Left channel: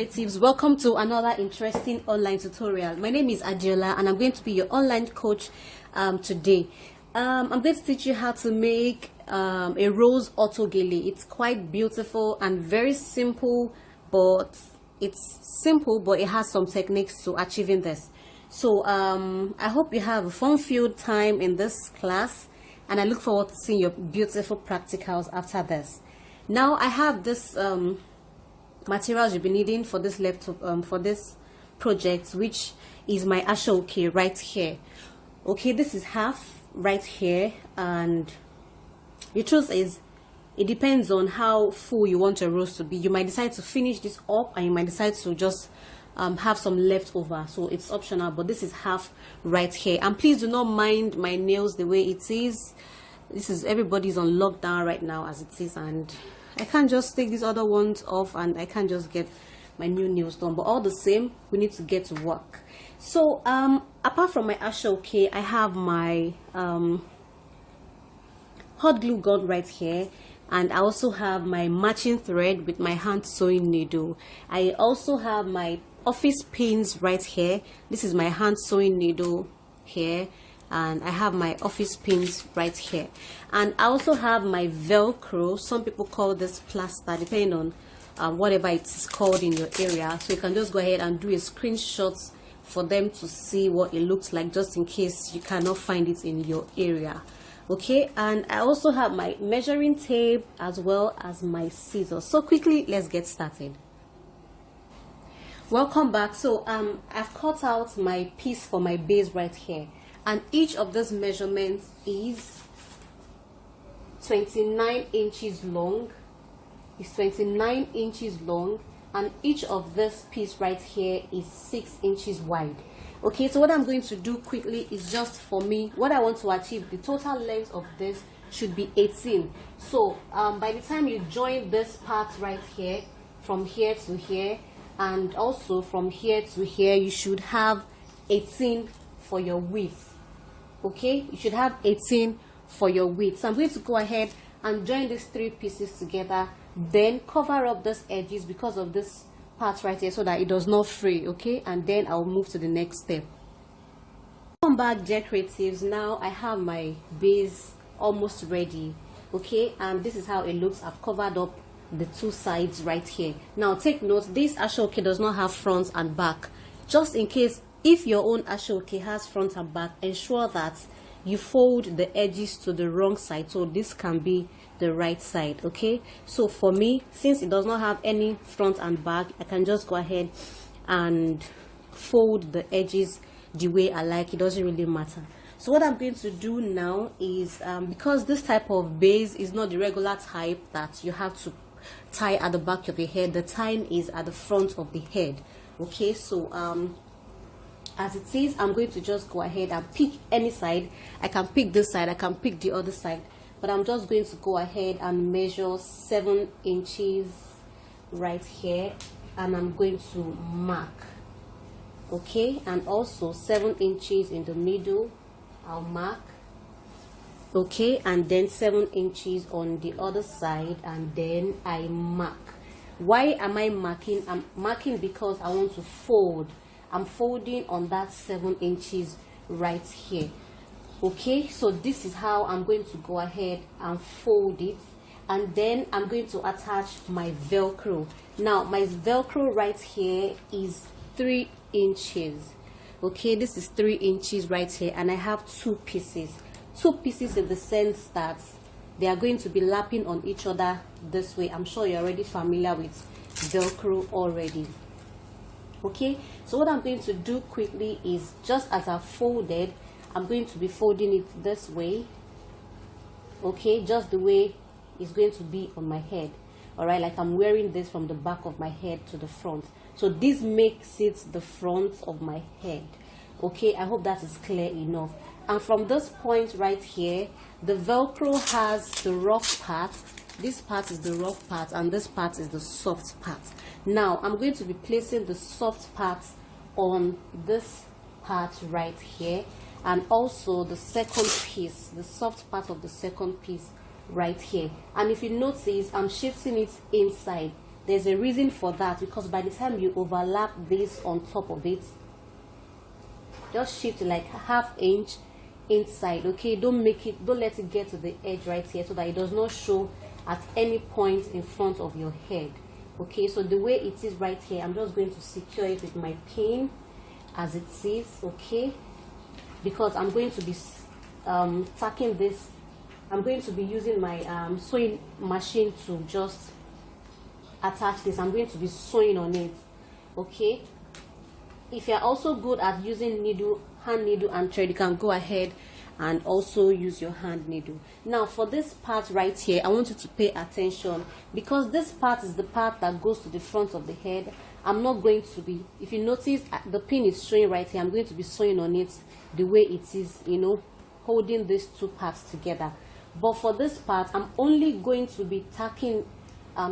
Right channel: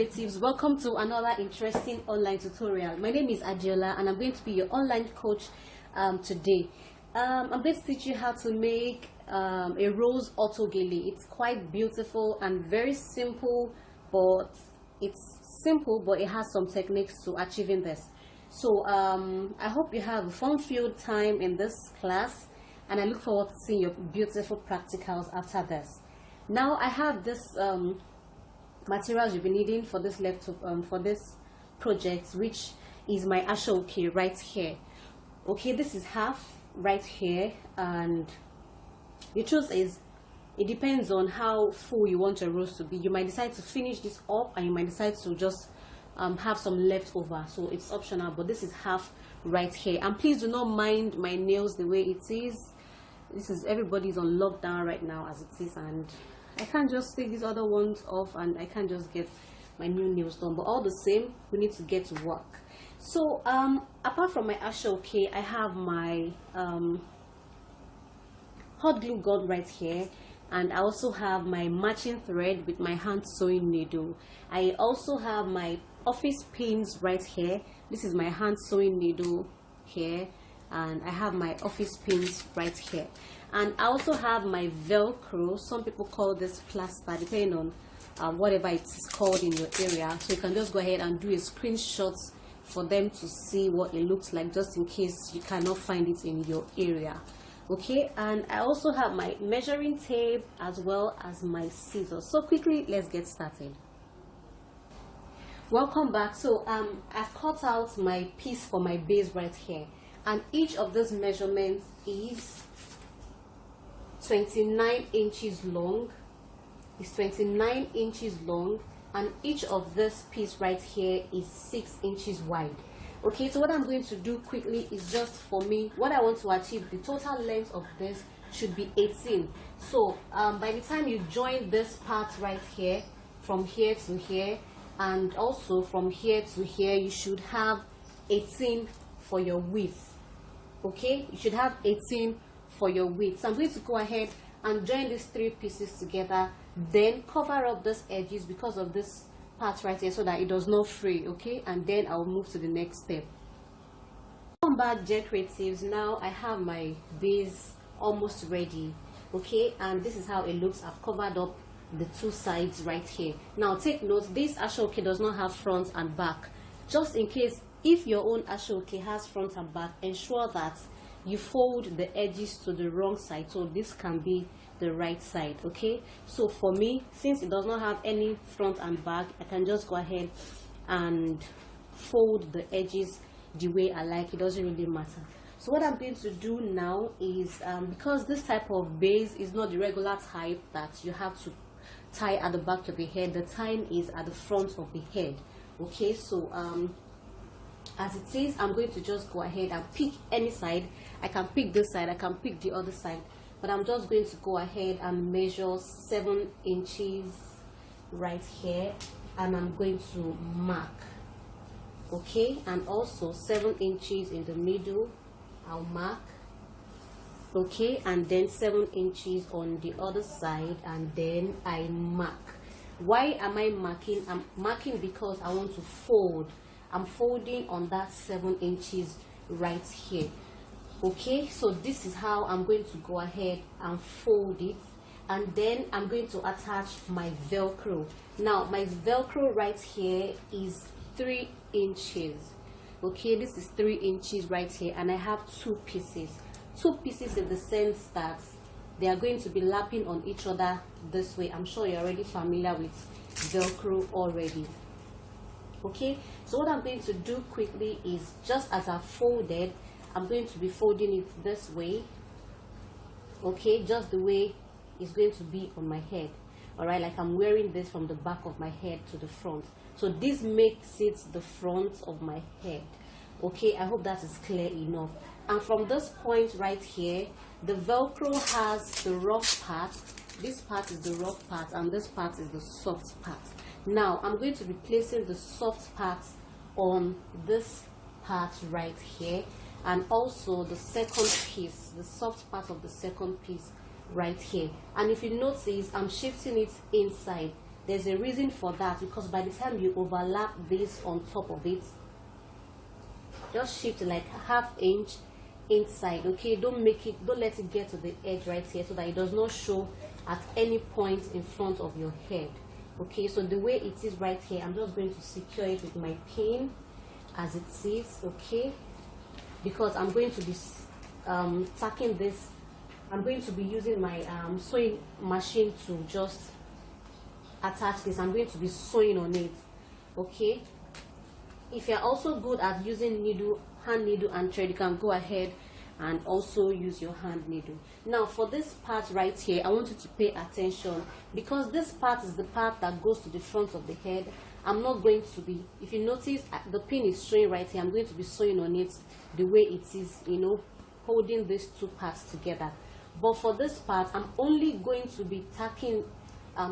Creatives, welcome to another interesting online tutorial. My name is Adiola and I'm going to be your online coach today. I'm going to teach you how to make a rose auto gele. It's quite beautiful and very simple, but it has some techniques to achieving this. So I hope you have a fun-filled time in this class, and I look forward to seeing your beautiful practicals after this. Now I have this materials you'll be needing for this for this project, which is my Auto Gele right here. Okay, this is half right here, and the truth is it depends on how full you want your rose to be. You might decide to finish this up, and you might decide to just have some left over, so it's optional, but this is half right here. And please do not mind my nails the way it is. Everybody's on lockdown right now as it is, and I can't just take these other ones off, and I can't just get my new nails done, but all the same we need to get to work. So apart from my Auto Gele, I have my hot glue gun right here, and I also have my matching thread with my hand sewing needle. I also have my office pins right here. This is my hand sewing needle here, and I have my office pins right here. And I also have my Velcro. Some people call this plaster, depending on whatever it's called in your area. So you can just go ahead and do a screenshot for them to see what it looks like, just in case you cannot find it in your area. Okay, and I also have my measuring tape as well as my scissors. So quickly, let's get started. Welcome back. So I've cut out my piece for my base right here, and each of those measurements is 29 inches long. It's 29 inches long, and each of this piece right here is 6 inches wide. Okay, so what I'm going to do quickly is just for me, what I want to achieve, the total length of this should be 18. So by the time you join this part right here, from here to here, and also from here to here, you should have 18 for your width. Okay, you should have 18 for your width. So I'm going to go ahead and join these three pieces together, then cover up these edges because of this part right here, so that it does not fray. Okay, and then I'll move to the next step. Welcome back, dear creatives. Now I have my base almost ready. Okay, and this is how it looks. I've covered up the two sides right here. Now take note, this Auto Gele does not have front and back. Just in case, if your own Auto Gele has front and back, ensure that you fold the edges to the wrong side, so this can be the right side. Okay, so for me, since it does not have any front and back, I can just go ahead and fold the edges the way I like. It doesn't really matter. So what I'm going to do now is because this type of base is not the regular type that you have to tie at the back of your head, the tying is at the front of the head. Okay, so as it is, I'm going to just go ahead and pick any side. I can pick this side, I can pick the other side, but I'm just going to go ahead and measure 7 inches right here, and I'm going to mark. Okay, and also 7 inches in the middle, I'll mark. Okay, and then 7 inches on the other side, and then I mark. Why am I marking? I'm marking because I want to fold. I'm folding on that 7 inches right here. Okay, so this is how I'm going to go ahead and fold it, and then I'm going to attach my Velcro. Now my Velcro right here is 3 inches. Okay, this is 3 inches right here, and I have two pieces in the sense that they are going to be lapping on each other this way. I'm sure you're already familiar with Velcro already. Okay, so what I'm going to do quickly is, just as I folded, I'm going to be folding it this way. Okay, just the way it's going to be on my head. All right, like I'm wearing this from the back of my head to the front, so this makes it the front of my head. Okay, I hope that is clear enough. And from this point right here, the Velcro has the rough part. This part is the rough part, and this part is the soft part. Now I'm going to be placing the soft part on this part right here, and also the second piece, the soft part of the second piece right here. And if you notice, I'm shifting it inside. There's a reason for that, because by the time you overlap this on top of it, just shift like ½ inch inside. Okay, don't let it get to the edge right here, so that it does not show at any point in front of your head. Okay, so the way it is right here, I'm just going to secure it with my pin as it is. Okay, because I'm going to be tacking this. I'm going to be using my sewing machine to just attach this. I'm going to be sewing on it. Okay, if you're also good at using needle, hand needle and thread, you can go ahead and also use your hand needle. Now for this part right here, I want you to pay attention, because this part is the part that goes to the front of the head. I'm not going to be, if you notice the pin is showing right here, I'm going to be sewing on it the way it is, you know, holding these two parts together. But for this part, I'm only going to be tacking,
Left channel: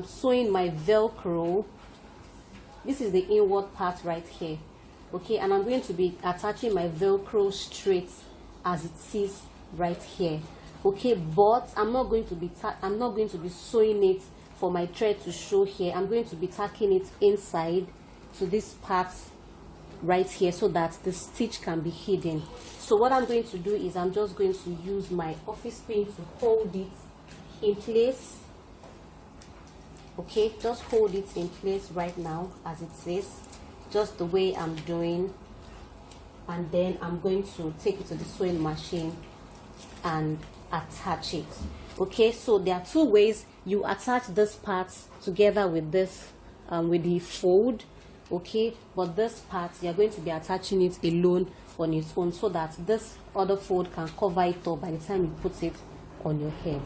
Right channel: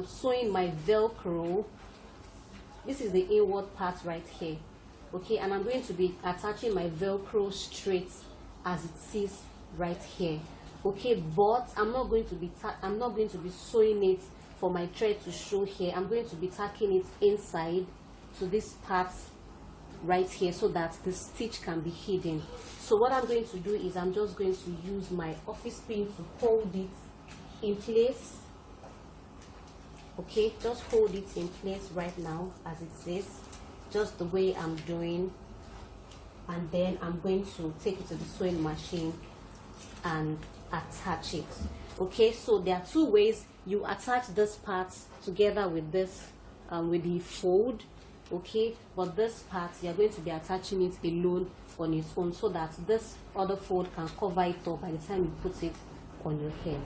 sewing my Velcro. This is the inward part right here. Okay, and I'm going to be attaching my Velcro straight as it is right here. Okay, but I'm not going to be sewing it for my thread to show here. I'm going to be tacking it inside to this part right here, so that the stitch can be hidden. So what I'm going to do is I'm just going to use my office pin to hold it in place. Okay, just hold it in place right now as it says, just the way I'm doing, and then I'm going to take it to the sewing machine and attach it. Okay, so there are two ways you attach this part together with this with the fold. Okay, but this part you're going to be attaching it alone on its own, so that this other fold can cover it up by the time you put it on your head.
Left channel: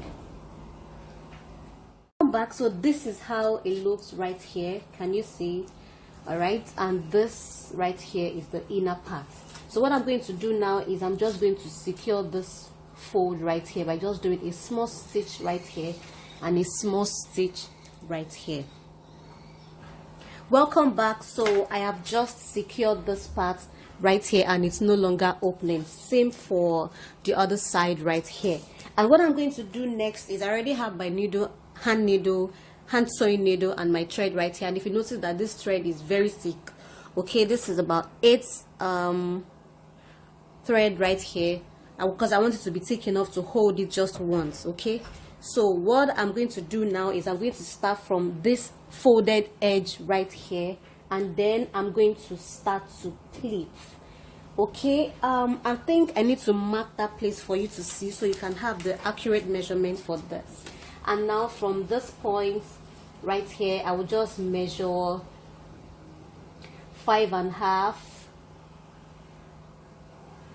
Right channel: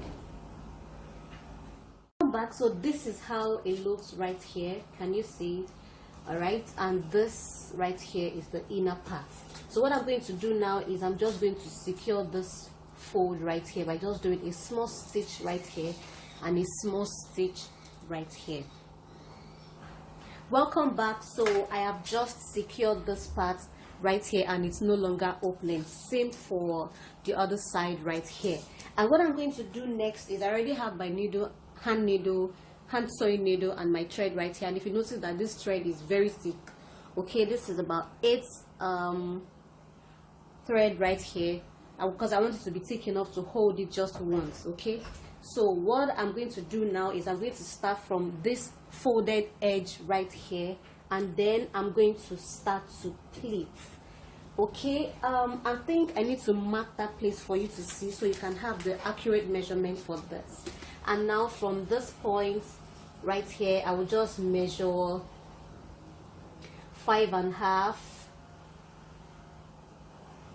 Back, so this is how it looks right here. Can you see it? All right, and this right here is the inner part. So what I'm going to do now is I'm just going to secure this fold right here by just doing a small stitch right here and a small stitch right here. Welcome back. So I have just secured this part right here and it's no longer opening. Same for the other side right here. And what I'm going to do next is I already have my needle, hand sewing needle and my thread right here. And if you notice that this thread is very thick, okay, this is about 8 thread right here, because I want it to be thick enough to hold it just once. Okay, so what I'm going to do now is I'm going to start from this folded edge right here, and then I'm going to start to pleat. Okay, I think I need to mark that place for you to see, so you can have the accurate measurement for this. And now from this point right here, I will just measure 5.5,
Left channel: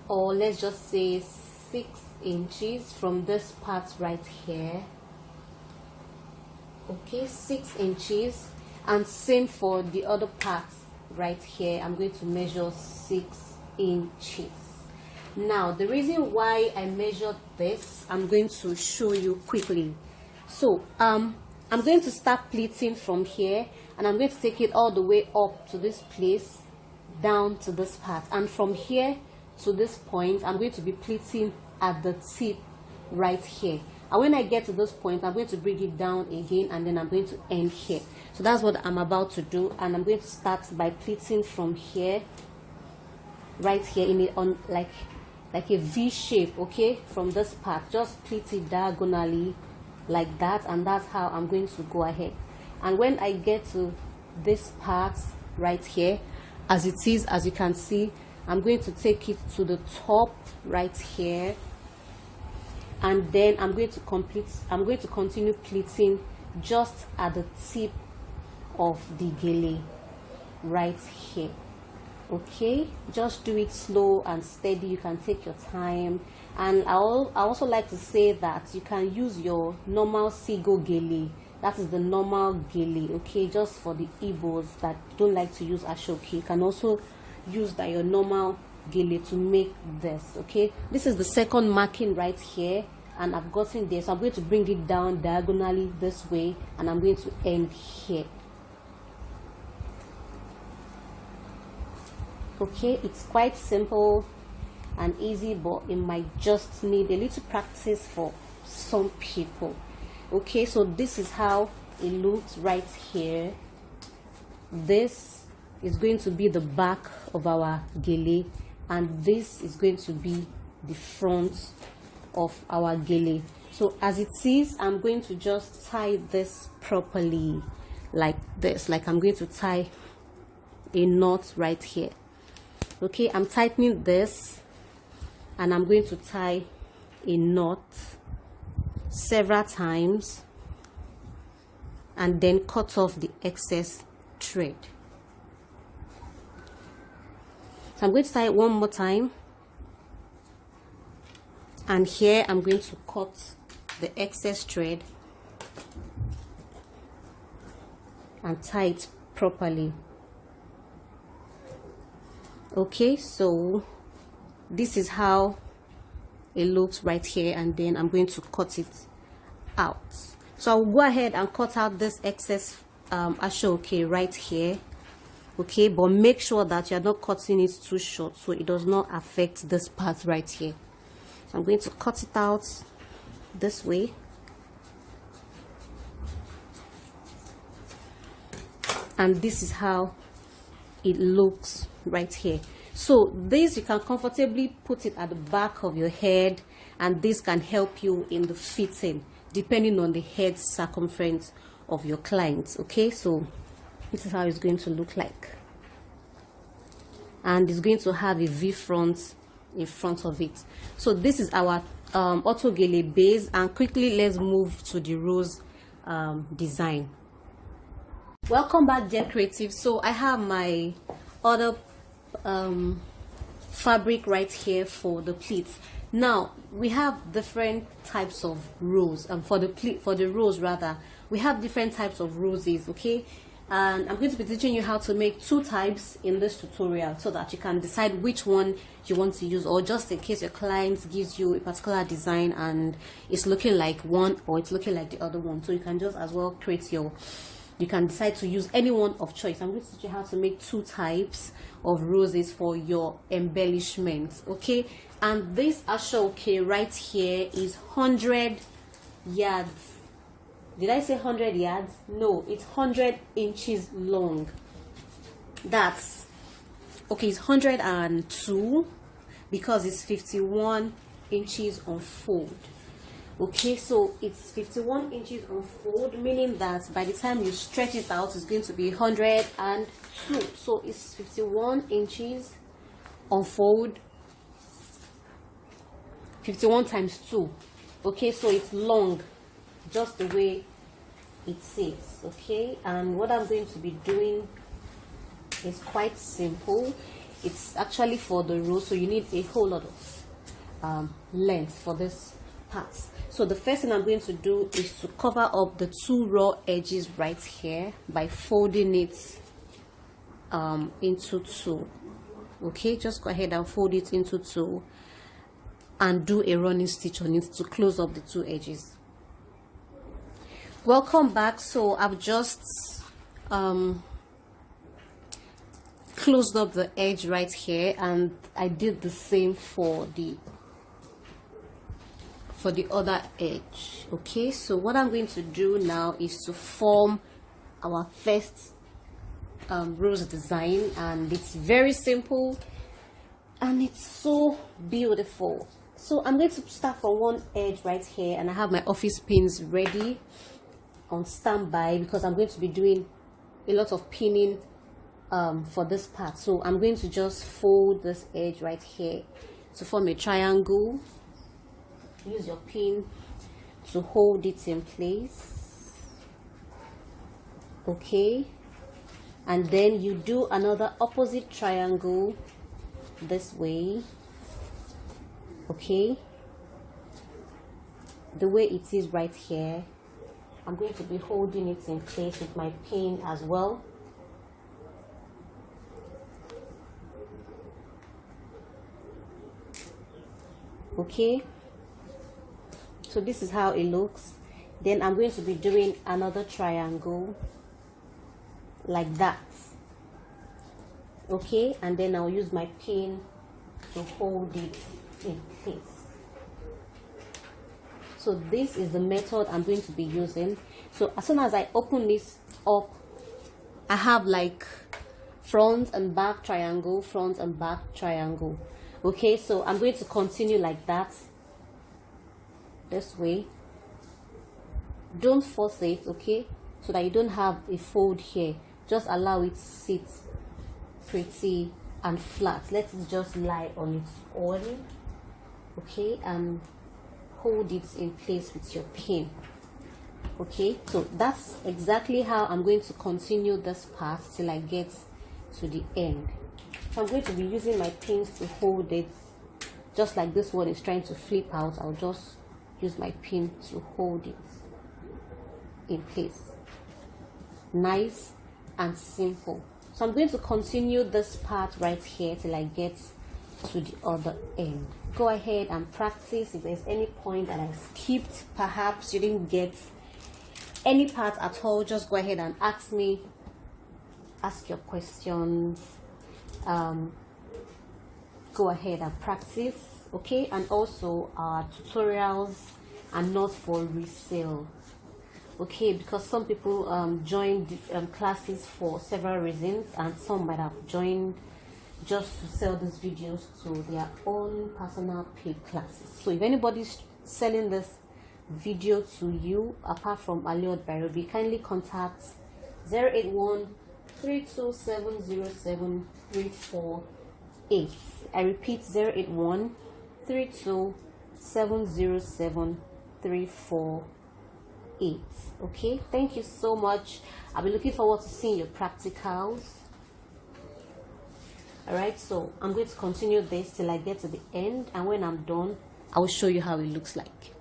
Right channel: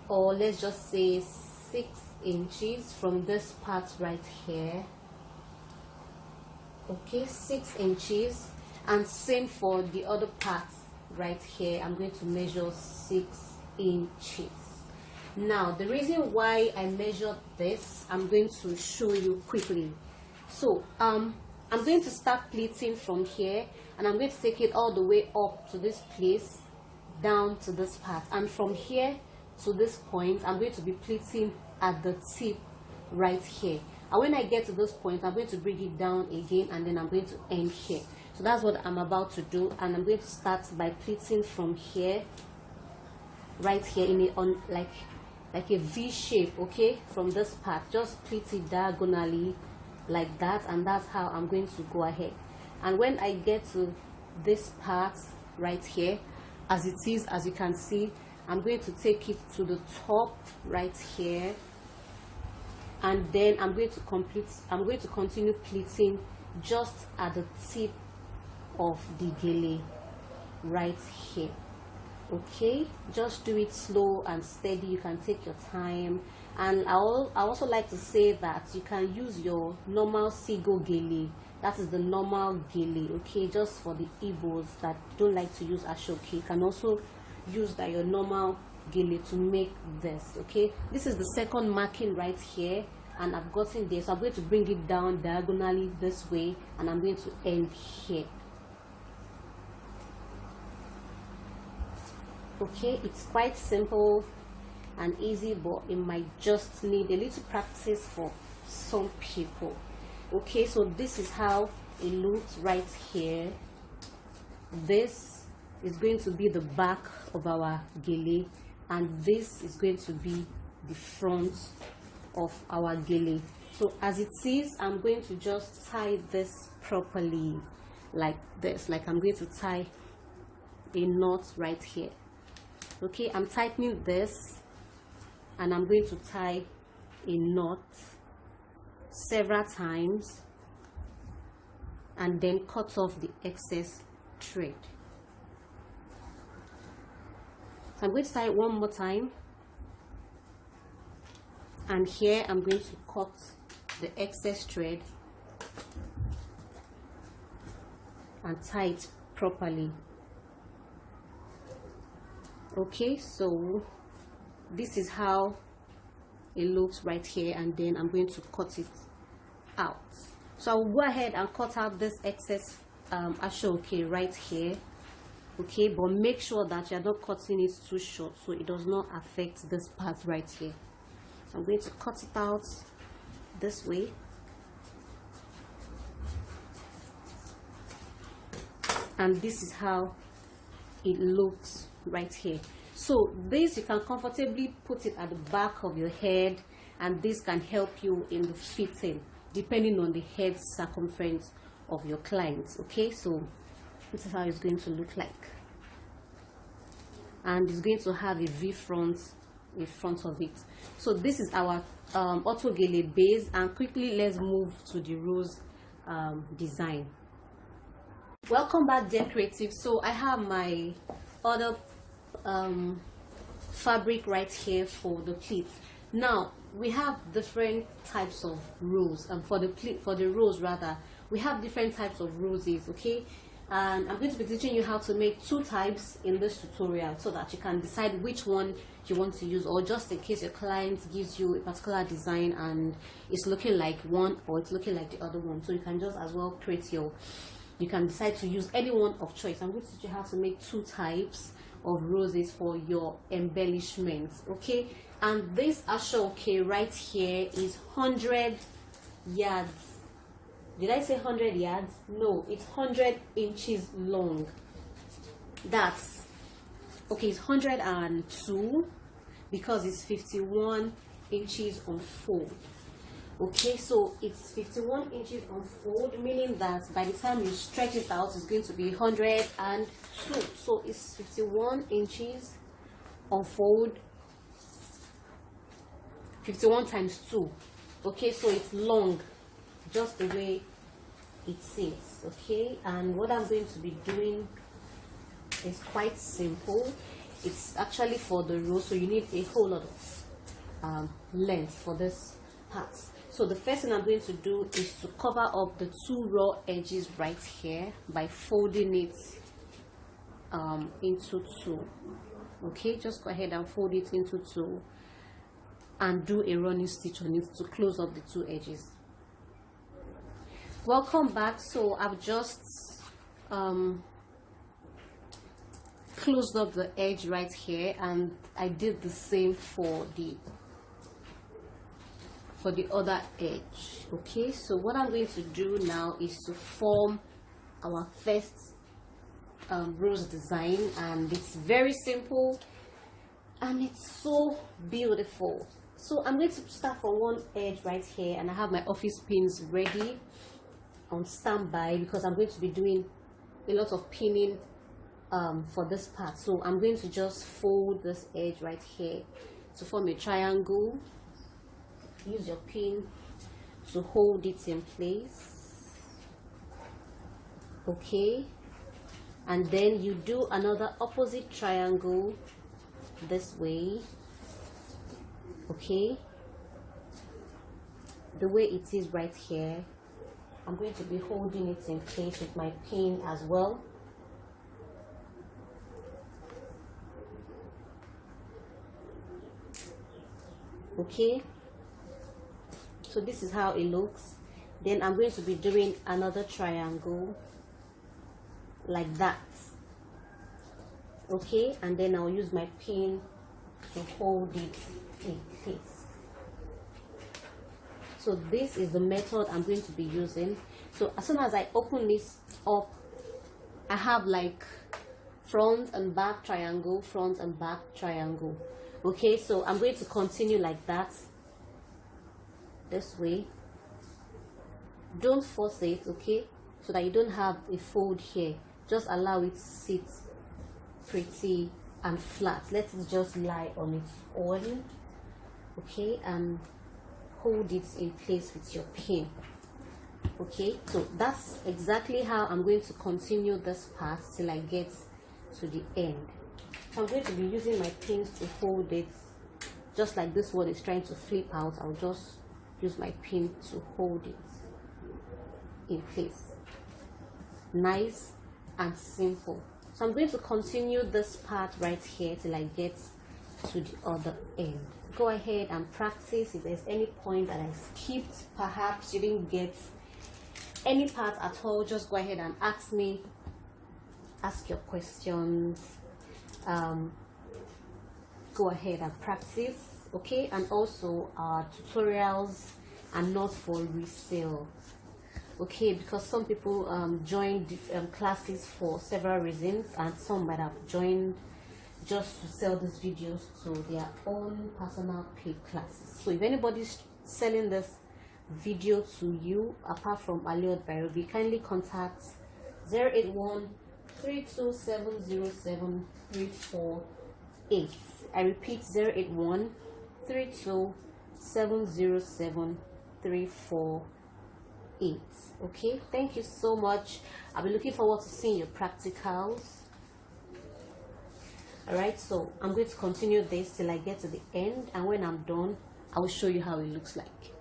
or let's just say 6 inches from this part right here. Okay, 6 inches, and same for the other part right here. I'm going to measure 6 inches. Now the reason why I measured this, I'm going to show you quickly. So I'm going to start pleating from here, and I'm going to take it all the way up to this place, down to this part, and from here to this point I'm going to be pleating at the tip right here. And when I get to this point, I'm going to bring it down again, and then I'm going to end here. So that's what I'm about to do, and I'm going to start by pleating from here right here in it on like a V shape. Okay, from this part just pleat it diagonally like that, and that's how I'm going to go ahead. And when I get to this part right here, as it is, as you can see, I'm going to take it to the top right here, and then I'm going to continue pleating just at the tip of the gele right here. Okay, just do it slow and steady. You can take your time. And I also like to say that you can use your normal Sigo gele. That is the normal gele. Okay, just for the Igbos that don't like to use ashoke, you can also use that your normal gele to make this. Okay, this is the second marking right here, and I've gotten there, so I'm going to bring it down diagonally this way, and I'm going to end here. Okay, it's quite simple and easy, but it might just need a little practice for some people. Okay, so this is how it looks right here. This is going to be the back of our gele, and this is going to be the front of our gele. So as it is, I'm going to just tie this properly like this, like I'm going to tie a knot right here. Okay, I'm tightening this, and I'm going to tie a knot several times and then cut off the excess thread. So I'm going to tie it one more time, and here I'm going to cut the excess thread and tie it properly. Okay, so this is how it looks right here, and then I'm going to cut it out. So I'll go ahead and cut out this excess ashoke right here. Okay, but make sure that you're not cutting it too short so it does not affect this part right here. So I'm going to cut it out this way. And this is how it looks right here. So this, you can comfortably put it at the back of your head, and this can help you in the fitting depending on the head circumference of your clients. Okay, so this is how it's going to look like, and it's going to have a V front in front of it. So this is our Auto Gele base, and quickly let's move to the rose design. Welcome back, dear creative. So I have my other fabric right here for the pleats. Now we have different types of rose, and for the rose rather, we have different types of roses. Okay, and I'm going to be teaching you how to make two types in this tutorial so that you can decide which one you want to use, or just in case your client gives you a particular design and it's looking like one or it's looking like the other one, so you can just as well create your, you can decide to use any one of choice. I'm going to teach you how to make two types of roses for your embellishments. Okay, and this ashoke right here is 100 yards. Did I say 100 yards? No, it's 100 inches long. That's okay, it's 102 because it's 51 inches on fold. Okay, so it's 51 inches on fold, meaning that by the time you stretch it out, it's going to be 102. So it's 51 inches on fold, 51 times 2. Okay, so it's long, just the way it sits. Okay, and what I'm going to be doing is quite simple. It's actually for the rose, so you need a whole lot of length for this part. So the first thing I'm going to do is to cover up the two raw edges right here by folding it into two. Okay, just go ahead and fold it into two and do a running stitch on it to close up the two edges. Welcome back. So I've just closed up the edge right here, and I did the same for the other edge. Okay, so what I'm going to do now is to form our first rose design, and it's very simple and it's so beautiful. So I'm going to start from one edge right here, and I have my office pins ready on standby because I'm going to be doing a lot of pinning for this part. So I'm going to just fold this edge right here to form a triangle. Use your pin to hold it in place. Okay, and then you do another opposite triangle this way. Okay, the way it is right here, I'm going to be holding it in place with my pin as well. Okay, so this is how it looks. Then I'm going to be doing another triangle like that. Okay, and then I'll use my pin to hold it in place. So So this is the method I'm going to be using. So as soon as I open this up, I have like front and back triangle, front and back triangle. Okay, so I'm going to continue like that, this way. Don't force it, okay, so that you don't have a fold here. Just allow it to sit pretty and flat. Let it just lie on its own, okay, and hold it in place with your pin. Okay, so that's exactly how I'm going to continue this part till I get to the end. So I'm going to be using my pins to hold it, just like this one is trying to flip out. I'll just use my pin to hold it in place. Nice and simple. So I'm going to continue this part right here till I get to the other end. Go ahead and practice. If there's any point that I skipped, perhaps you didn't get any part at all, just go ahead and ask me, ask your questions. Go ahead and practice, okay? And also our tutorials are not for resale, okay, because some people join classes for several reasons, and some might have joined just to sell these videos to their own personal paid classes. So if anybody's selling this video to you apart from Aliot Bairobi, kindly contact 081-32707-348. I repeat, 081-32707-348. Okay, thank you so much. I'll be looking forward to seeing your practicals. All right, so I'm going to continue this till I get to the end, and when I'm done, I will show you how it looks like.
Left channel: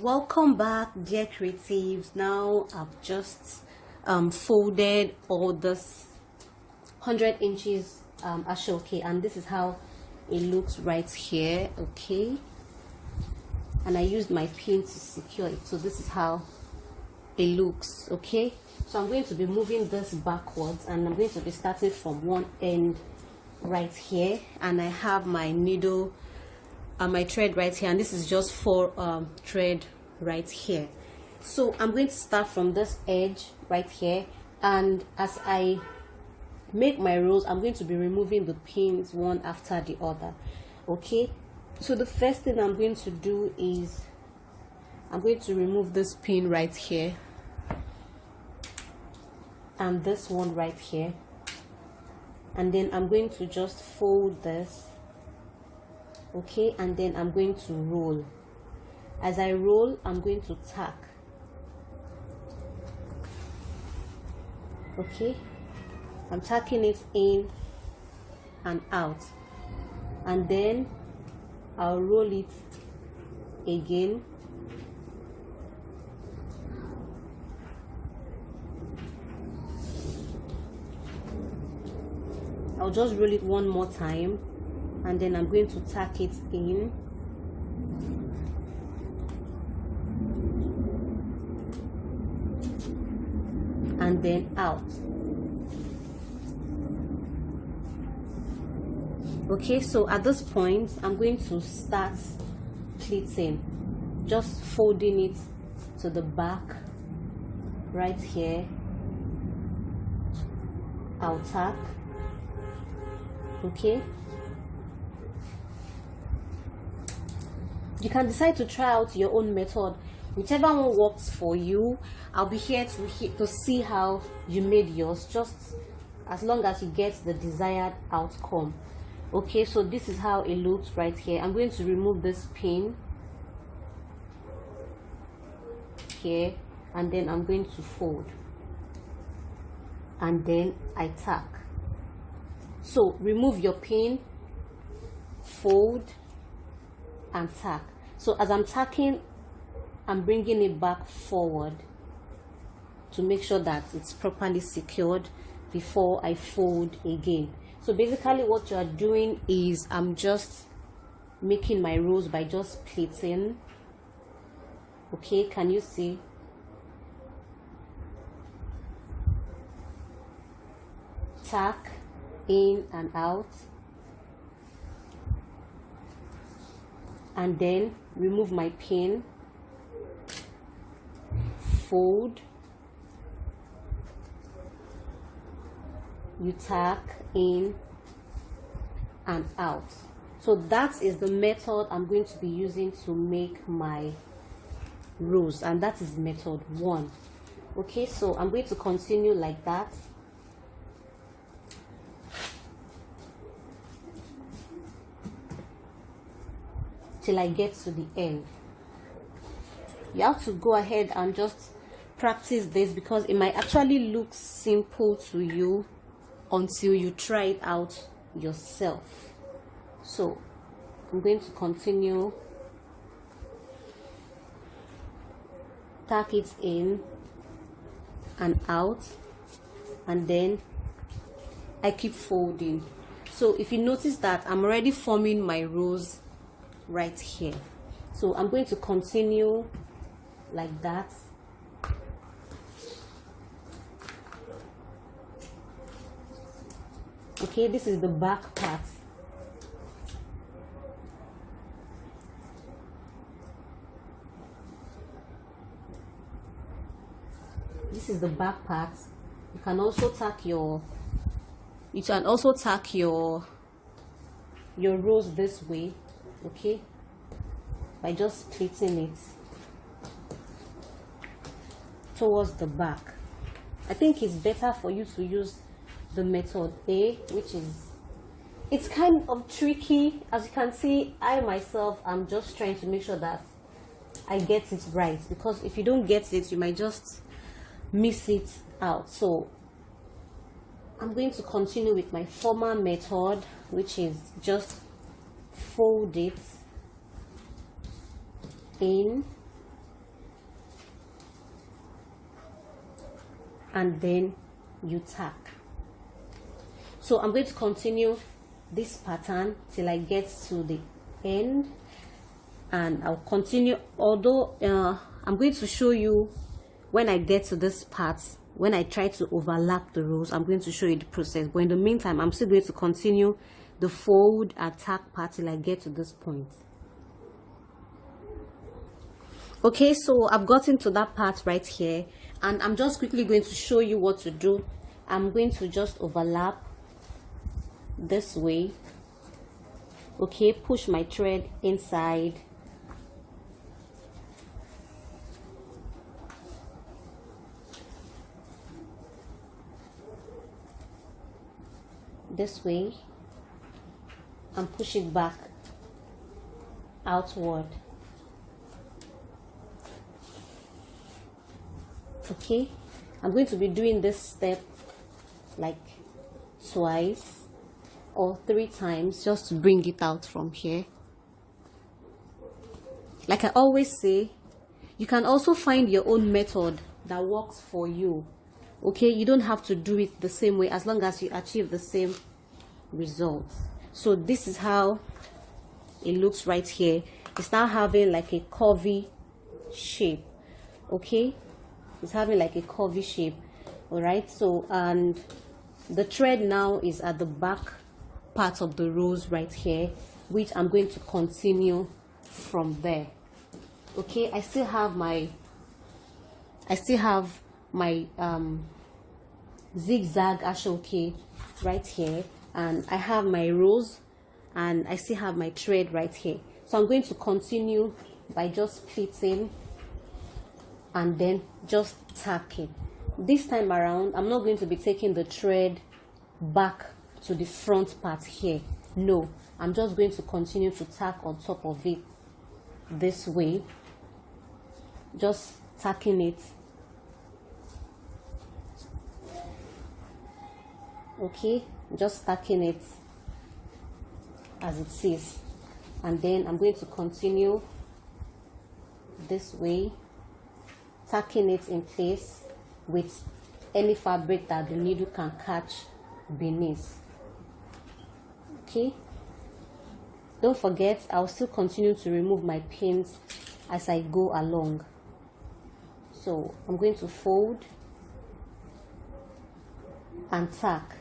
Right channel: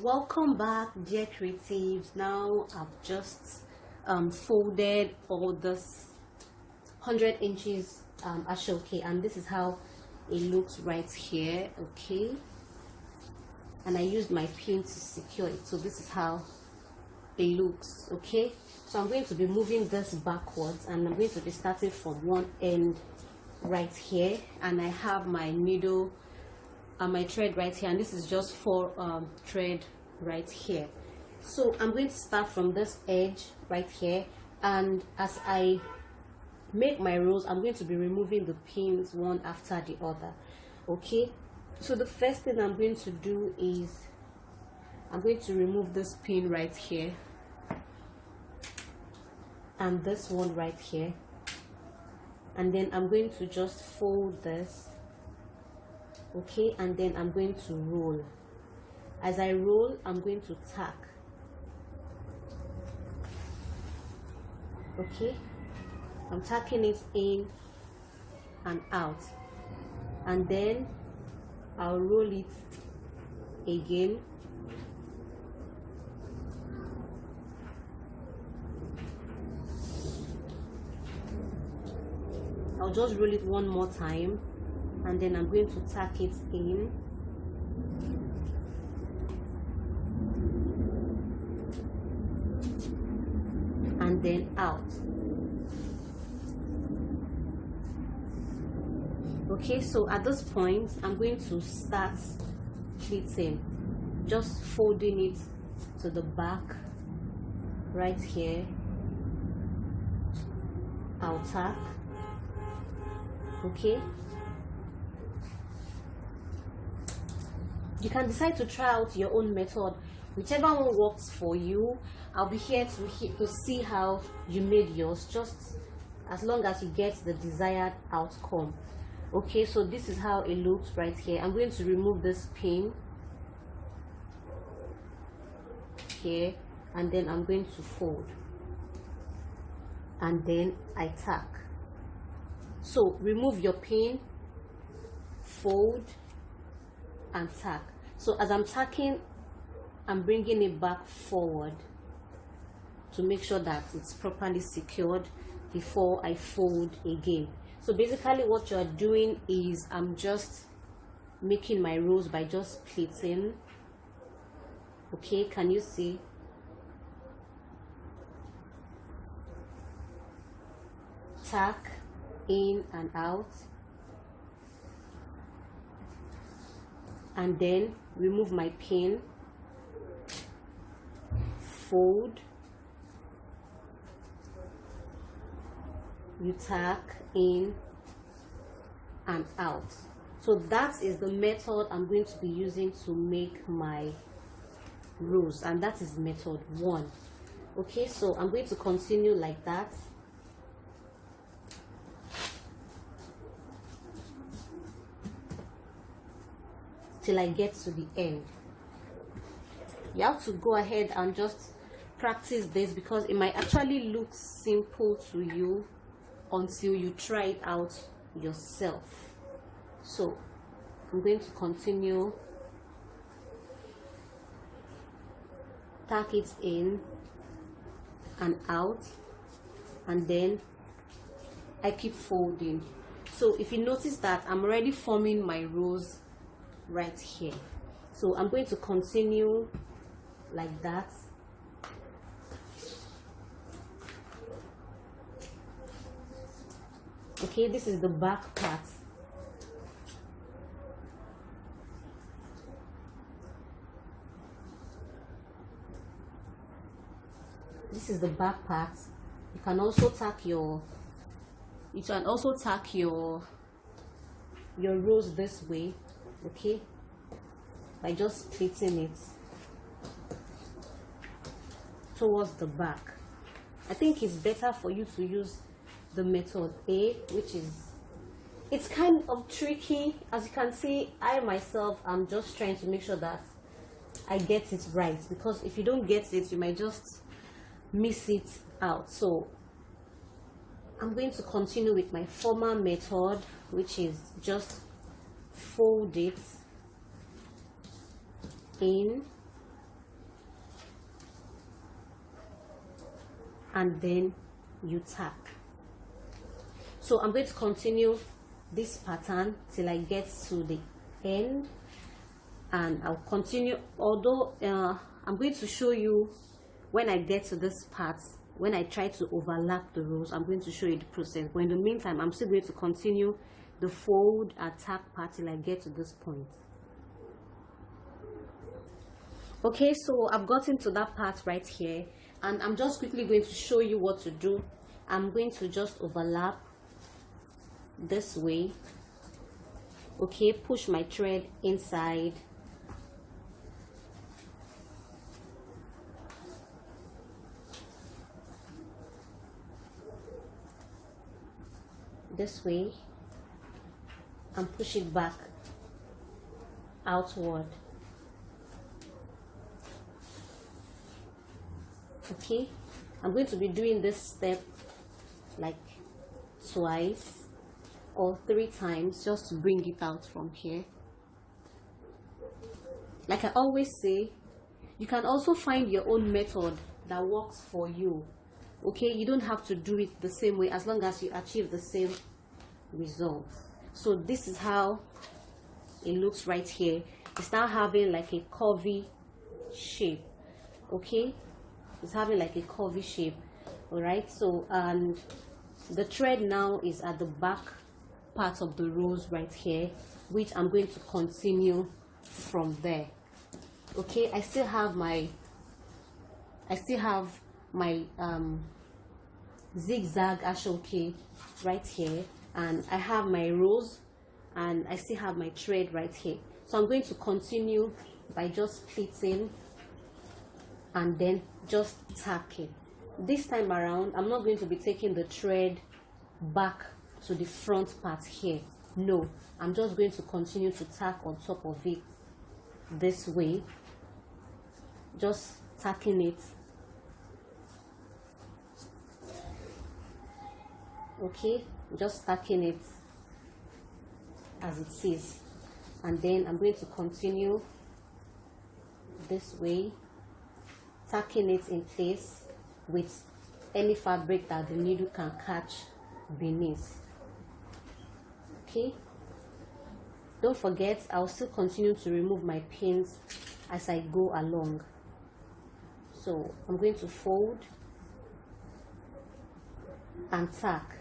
Welcome back, dear creatives. Now I've just folded all this 100 inches ashoke, and this is how it looks right here. Okay, and I used my pin to secure it, so this is how it looks. Okay, so I'm going to be moving this backwards, and I'm going to be starting from one end right here, and I have my needle and my thread right here, and this is just 4 thread right here. So I'm going to start from this edge right here, and as I make my rows, I'm going to be removing the pins one after the other. Okay, so the first thing I'm going to do is I'm going to remove this pin right here and this one right here, and then I'm going to just fold this. Okay, and then I'm going to roll. As I roll, I'm going to tack. Okay, I'm tacking it in and out, and then I'll roll it again, I'll just roll it one more time, and then I'm going to tack it in, and then out. Okay, so at this point I'm going to start pleating, just folding it to the back right here. I'll tack. Okay, you can decide to try out your own method, whichever one works for you. I'll be here to see how you made yours, just as long as you get the desired outcome. Okay, so this is how it looks right here. I'm going to remove this pin here, and then I'm going to fold, and then I tack. So remove your pin, fold, and tack. So as I'm tacking, I'm bringing it back forward to make sure that it's properly secured before I fold again. So basically what you're doing is I'm just making my rows by just pleating. Okay, can you see? Tack in and out, and then remove my pin, fold, you tack in and out. So that is the method I'm going to be using to make my rose, and that is method 1. Okay, so I'm going to continue like that. Till I get to the end. You have to go ahead and just practice this, because it might actually look simple to you until you try it out yourself. So I'm going to continue, tack it in and out, and then I keep folding. So if you notice that I'm already forming my rose right here, so I'm going to continue like that. Okay, this is the back part. This is the back part. You can also tack your rose this way, okay, by just pleating it towards the back. I think it's better for you to use the method A, which is, it's kind of tricky. As you can see, I myself am just trying to make sure that I get it right, because if you don't get it, you might just miss it out. So I'm going to continue with my former method, which is just fold it in and then you tack. So I'm going to continue this pattern till I get to the end, and I'll continue, although I'm going to show you when I get to this part, when I try to overlap the rows, I'm going to show you the process. But in the meantime, I'm still going to continue the fold and tack part till I get to this point. Okay, so I've gotten to that part right here, and I'm just quickly going to show you what to do. I'm going to just overlap this way. Okay, push my thread inside, this way, and push it back outward. Okay, I'm going to be doing this step like twice or 3 times just to bring it out from here. Like I always say, you can also find your own method that works for you. Okay, you don't have to do it the same way, as long as you achieve the same results. So this is how it looks right here. It's now having like a curvy shape. Okay, it's having like a curvy shape. All right, so and the thread now is at the back part of the rose right here, which I'm going to continue from there. Okay, I still have my zigzag ashoke right here, and I have my rose, and I still have my thread right here. So I'm going to continue by just pleating and then just tacking. This time around, I'm not going to be taking the thread back to the front part here. No, I'm just going to continue to tack on top of it this way, just tacking it. Okay, just tacking it as it is, and then I'm going to continue this way, tacking it in place with any fabric that the needle can catch beneath. Okay, don't forget, I'll still continue to remove my pins as I go along. So I'm going to fold and tack.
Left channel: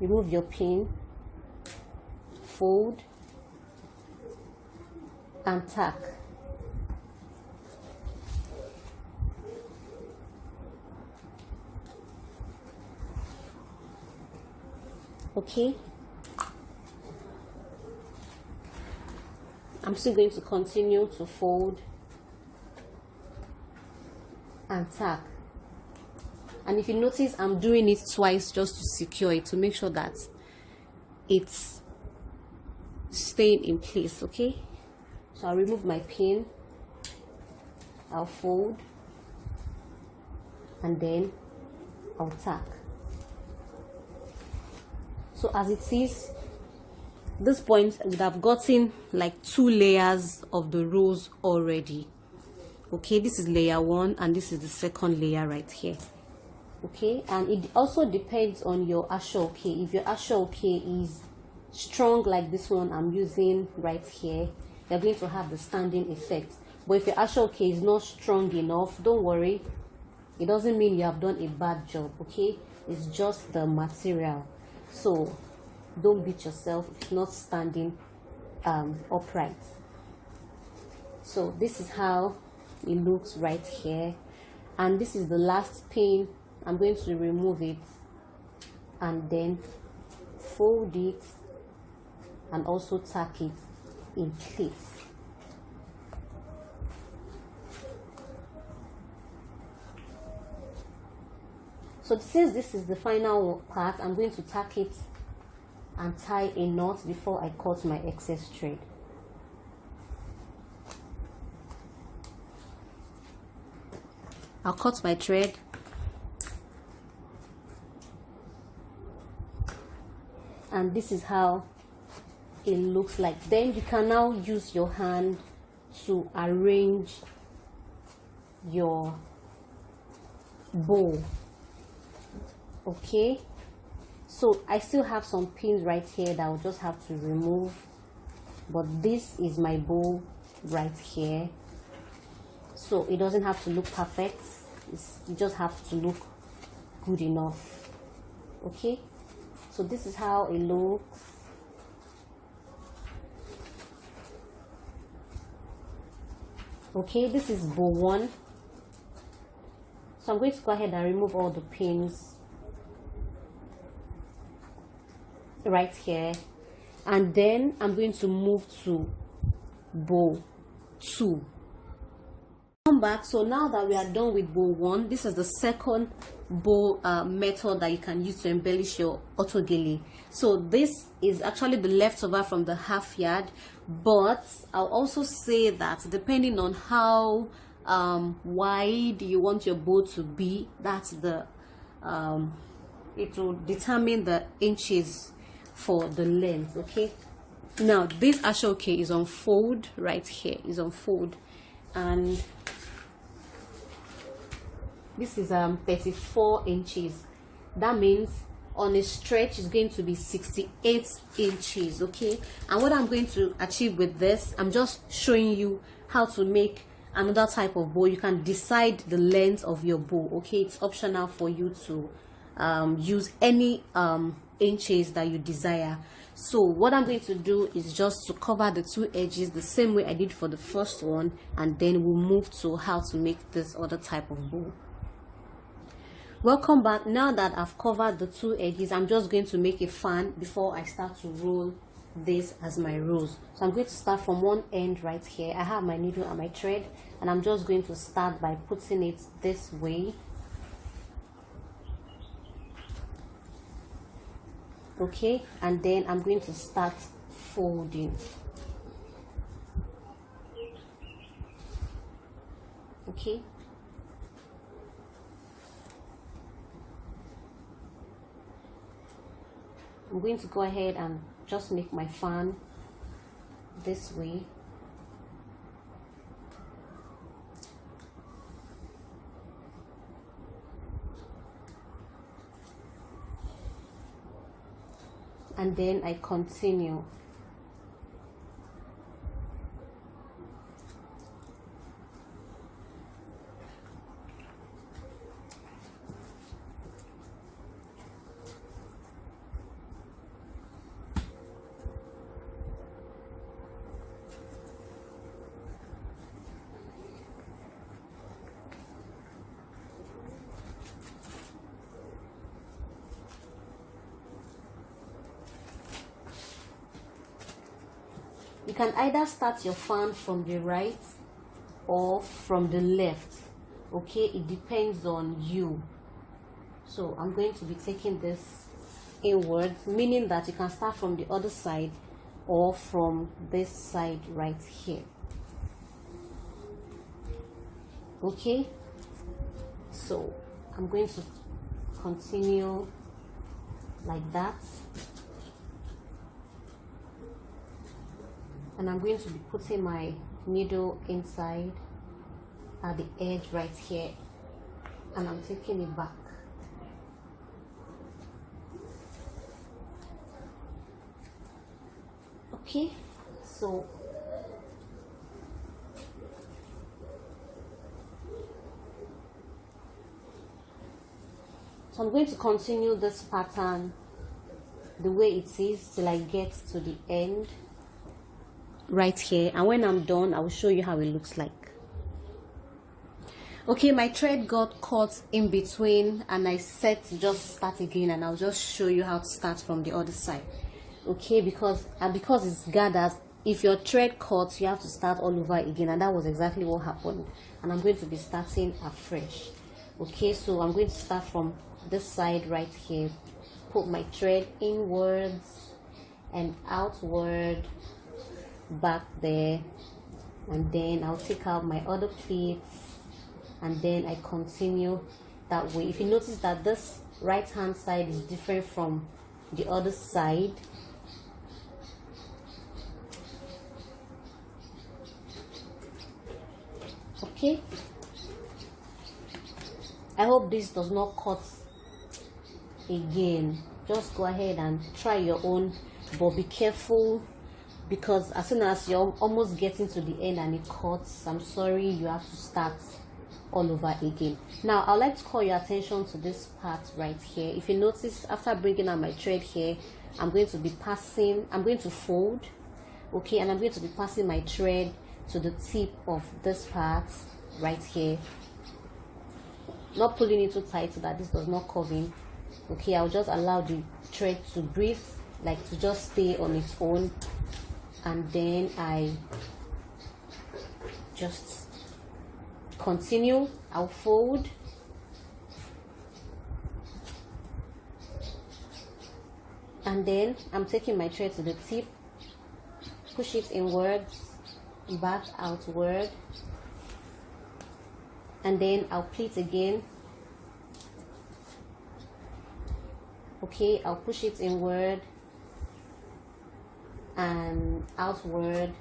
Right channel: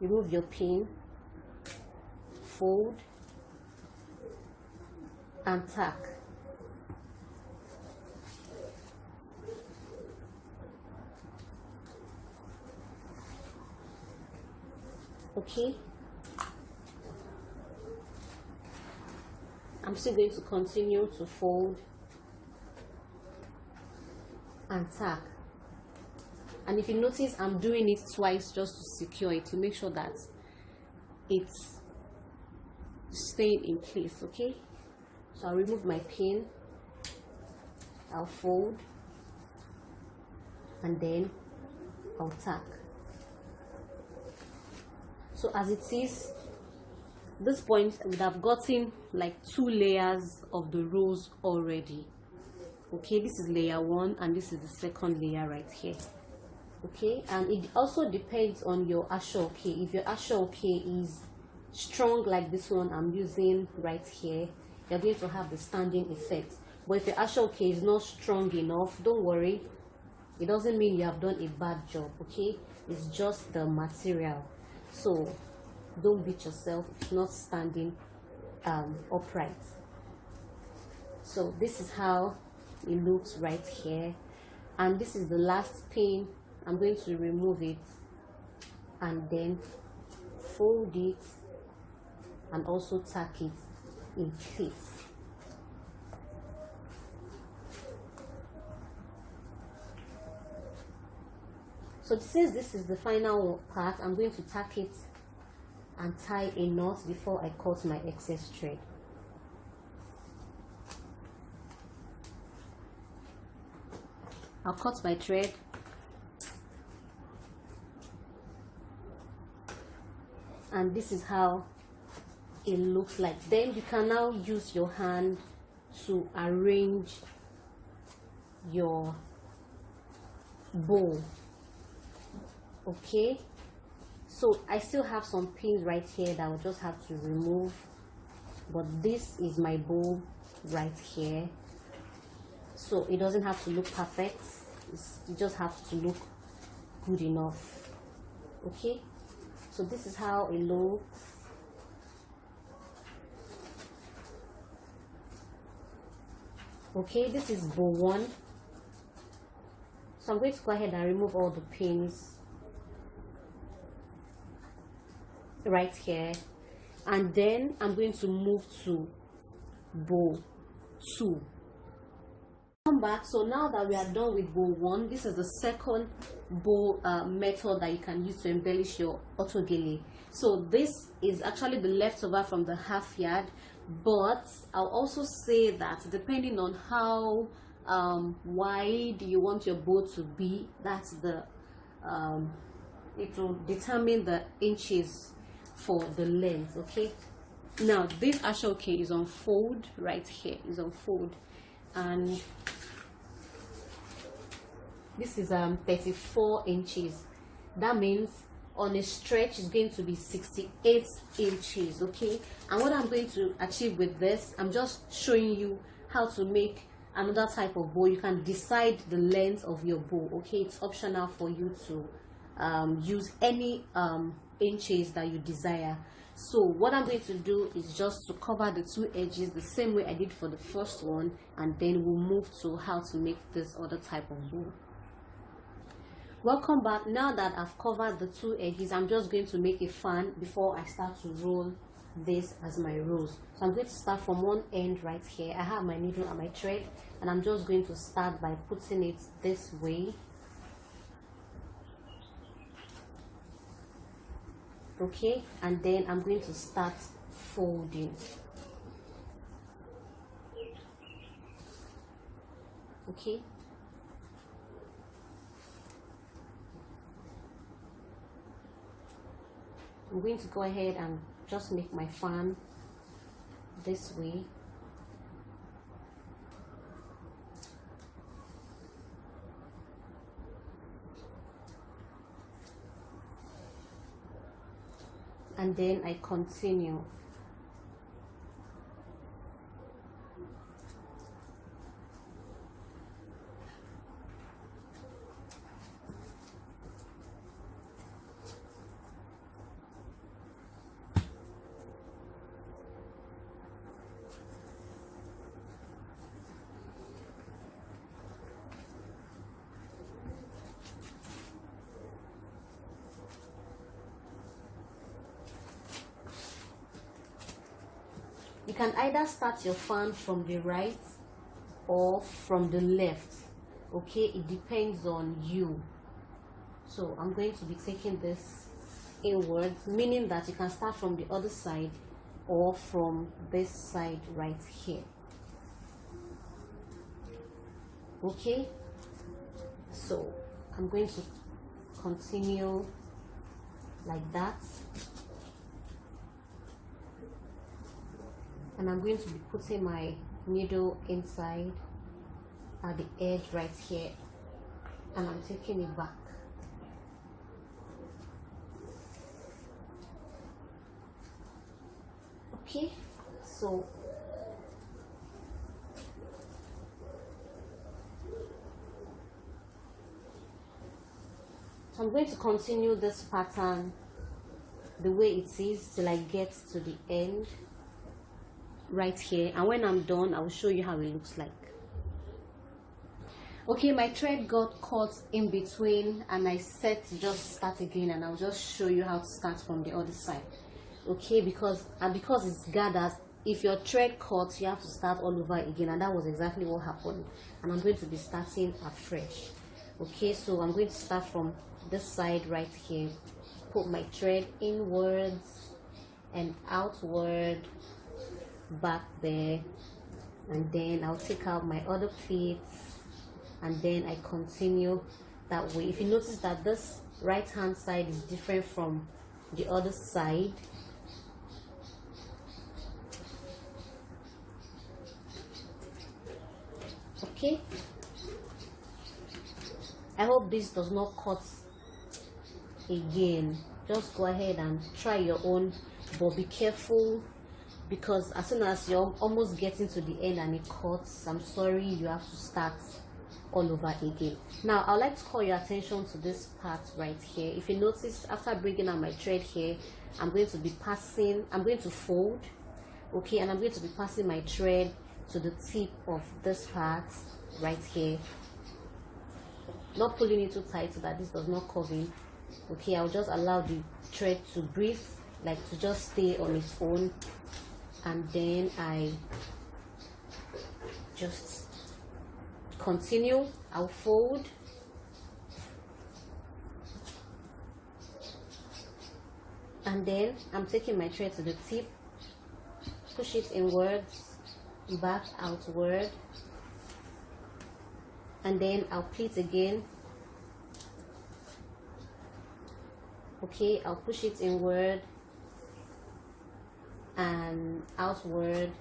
Remove your pin, fold and tack. Okay, I'm still going to continue to fold and tack. And if you notice, I'm doing it twice just to secure it, to make sure that it's staying in place. Okay, so I'll remove my pin, I'll fold, and then I'll tack. So as it is, this point I would have gotten like 2 layers of the rose already. Okay, this is layer 1 and this is the second layer right here. Okay, and it also depends on your ashoke. If your ashoke is strong like this one I'm using right here, you're going to have the standing effect. But if your ashoke is not strong enough, don't worry, it doesn't mean you have done a bad job. Okay, it's just the material. So don't beat yourself if not standing upright. So this is how it looks right here, and this is the last pin. I'm going to remove it and then fold it and also tack it in place. So since this is the final part, I'm going to tack it and tie a knot before I cut my excess thread. I'll cut my thread and this is how it looks like. Then you can now use your hand to arrange your bow. Okay, so I still have some pins right here that I'll just have to remove, but this is my bow right here, so it doesn't have to look perfect, you just have to look good enough. Okay, so this is how it looks. Okay, this is bow 1, so I'm going to go ahead and remove all the pins right here, and then I'm going to move to bow 2. Come back. So now that we are done with bow 1, this is the second bow method that you can use to embellish your auto gele. So this is actually the leftover from the half yard, but I'll also say that depending on how wide you want your bow to be, that's the it will determine the inches for the length. Okay, now this ashoke is on fold right here, is on fold, and this is 34 inches. That means on a stretch is going to be 68 inches. Okay, and what I'm going to achieve with this, I'm just showing you how to make another type of bow. You can decide the length of your bow. Okay, it's optional for you to use any inches that you desire. So what I'm going to do is just to cover the 2 edges the same way I did for the first one, and then we'll move to how to make this other type of bow. Welcome back. Now that I've covered the 2 edges, I'm just going to make a fan before I start to roll this as my rose. So I'm going to start from one end right here. I have my needle and my thread, and I'm just going to start by putting it this way. Okay, and then I'm going to start folding. Okay, I'm going to go ahead and just make my fan this way. And then I continue. can either start your fan from the right or from the left. Okay, it depends on you. So I'm going to be taking this inwards, meaning that you can start from the other side or from this side right here. Okay, so I'm going to continue like that, and I'm going to be putting my needle inside at the edge right here, and I'm taking it back. Okay, so I'm going to continue this pattern the way it is till I get to the end right here, and when I'm done I will show you how it looks like. Okay, my thread got caught in between and I said to just start again, and I'll just show you how to start from the other side. Okay, because it's gathered, if your thread cuts you have to start all over again, and that was exactly what happened, and I'm going to be starting afresh. Okay, so I'm going to start from this side right here, put my thread inwards and outward, back there, and then I'll take out my other pleats, and then I continue that way. If you notice that this right hand side is different from the other side, okay, I hope this does not cut again. Just go ahead and try your own, but be careful, because as soon as you're almost getting to the end and it cuts, I'm sorry, you have to start all over again. Now I'd like to call your attention to this part right here. If you notice, after bringing out my thread here, I'm going to fold, okay, and I'm going to be passing my thread to the tip of this part right here, not pulling it too tight so that this does not curve in. Okay, I'll just allow the thread to breathe, like to just stay on its own, and then I just continue. I'll fold, and then I'm taking my thread to the tip, push it inwards, back, outward, and then I'll pleat again. Okay, I'll push it inward and outward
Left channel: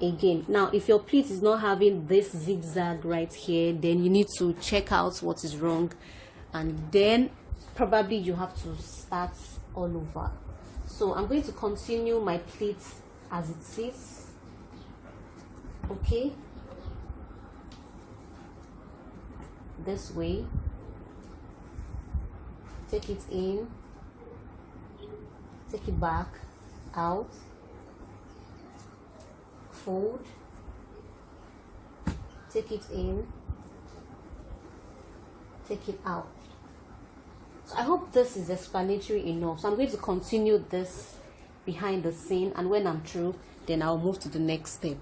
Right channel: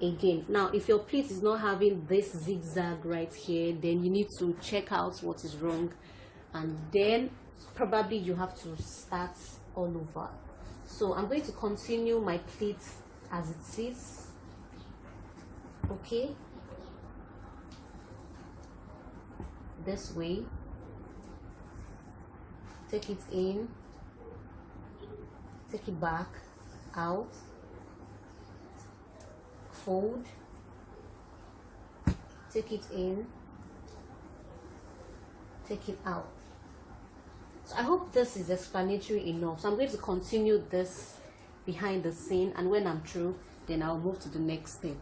again. Now if your pleat is not having this zigzag right here, then you need to check out what is wrong, and then probably you have to start all over. So I'm going to continue my pleat as it is. Okay, this way, take it in, take it back, out, fold, take it in, take it out. So I hope this is explanatory enough. So I'm going to continue this behind the scene, and when I'm through, then I'll move to the next step.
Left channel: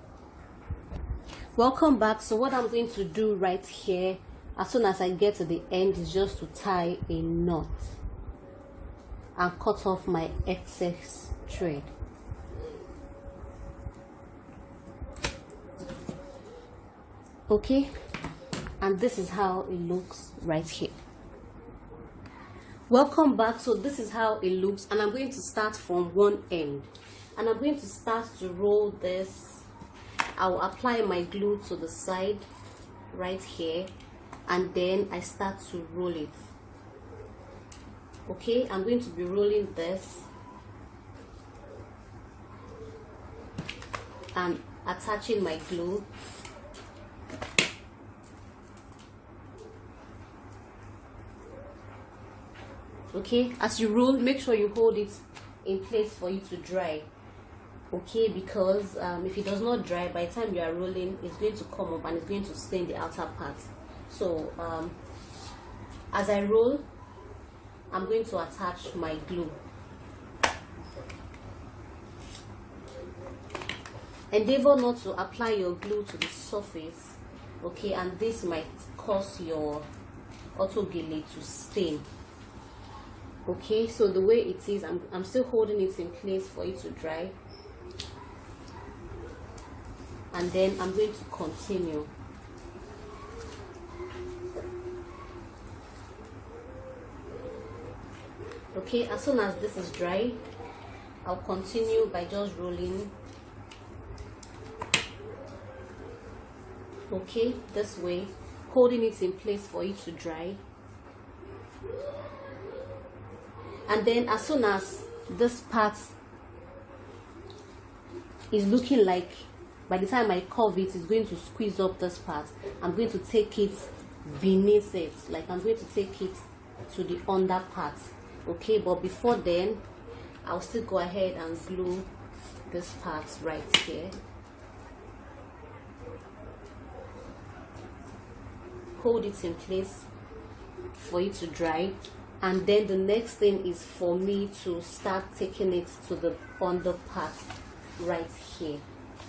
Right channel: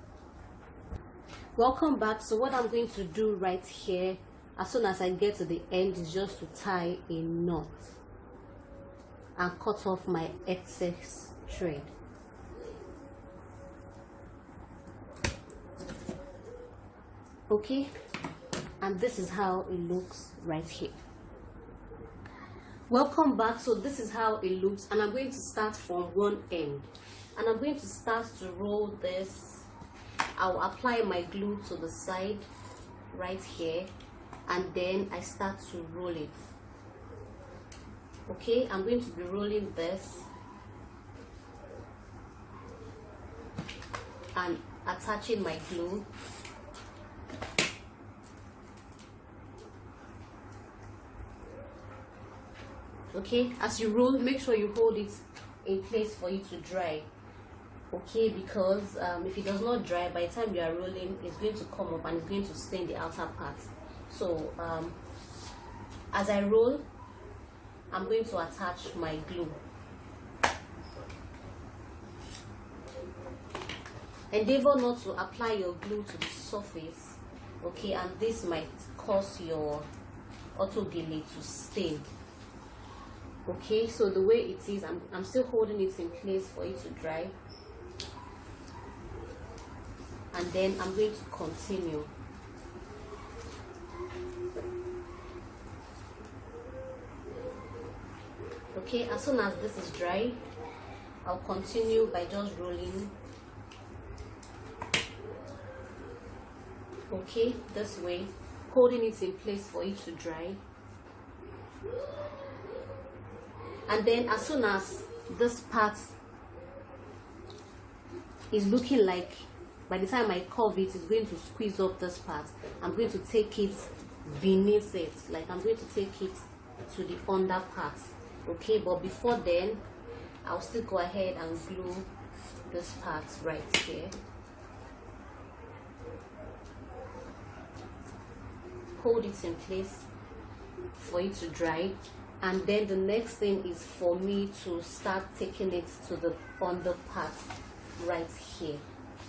Welcome back. So what I'm going to do right here, as soon as I get to the end, is just to tie a knot and cut off my excess thread. Okay, and this is how it looks right here. Welcome back. So this is how it looks, and I'm going to start from one end, and I'm going to start to roll this. I'll apply my glue to the side right here, and then I start to roll it. Okay, I'm going to be rolling this and attaching my glue. Okay, as you roll, make sure you hold it in place for you to dry. Okay, because if it does not dry, by the time you are rolling, it's going to come up and it's going to stain the outer part. So as I roll, I'm going to attach my glue. endeavor not to apply your glue to the surface, okay, and this might cause your Auto Gele to stain. Okay, so the way it is, I'm still holding it in place for it to dry, and then I'm going to continue. Okay, as soon as this is dry, I'll continue by just rolling, okay, this way, holding it in place for it to dry. And then as soon as this part is looking like, by the time I curve it, it's going to squeeze up this part, I'm going to take it beneath it, like I'm going to take it to the under part. Okay, but before then, I'll still go ahead and glue this part right here. Hold it in place for it to dry, and then the next thing is for me to start taking it to the under part right here,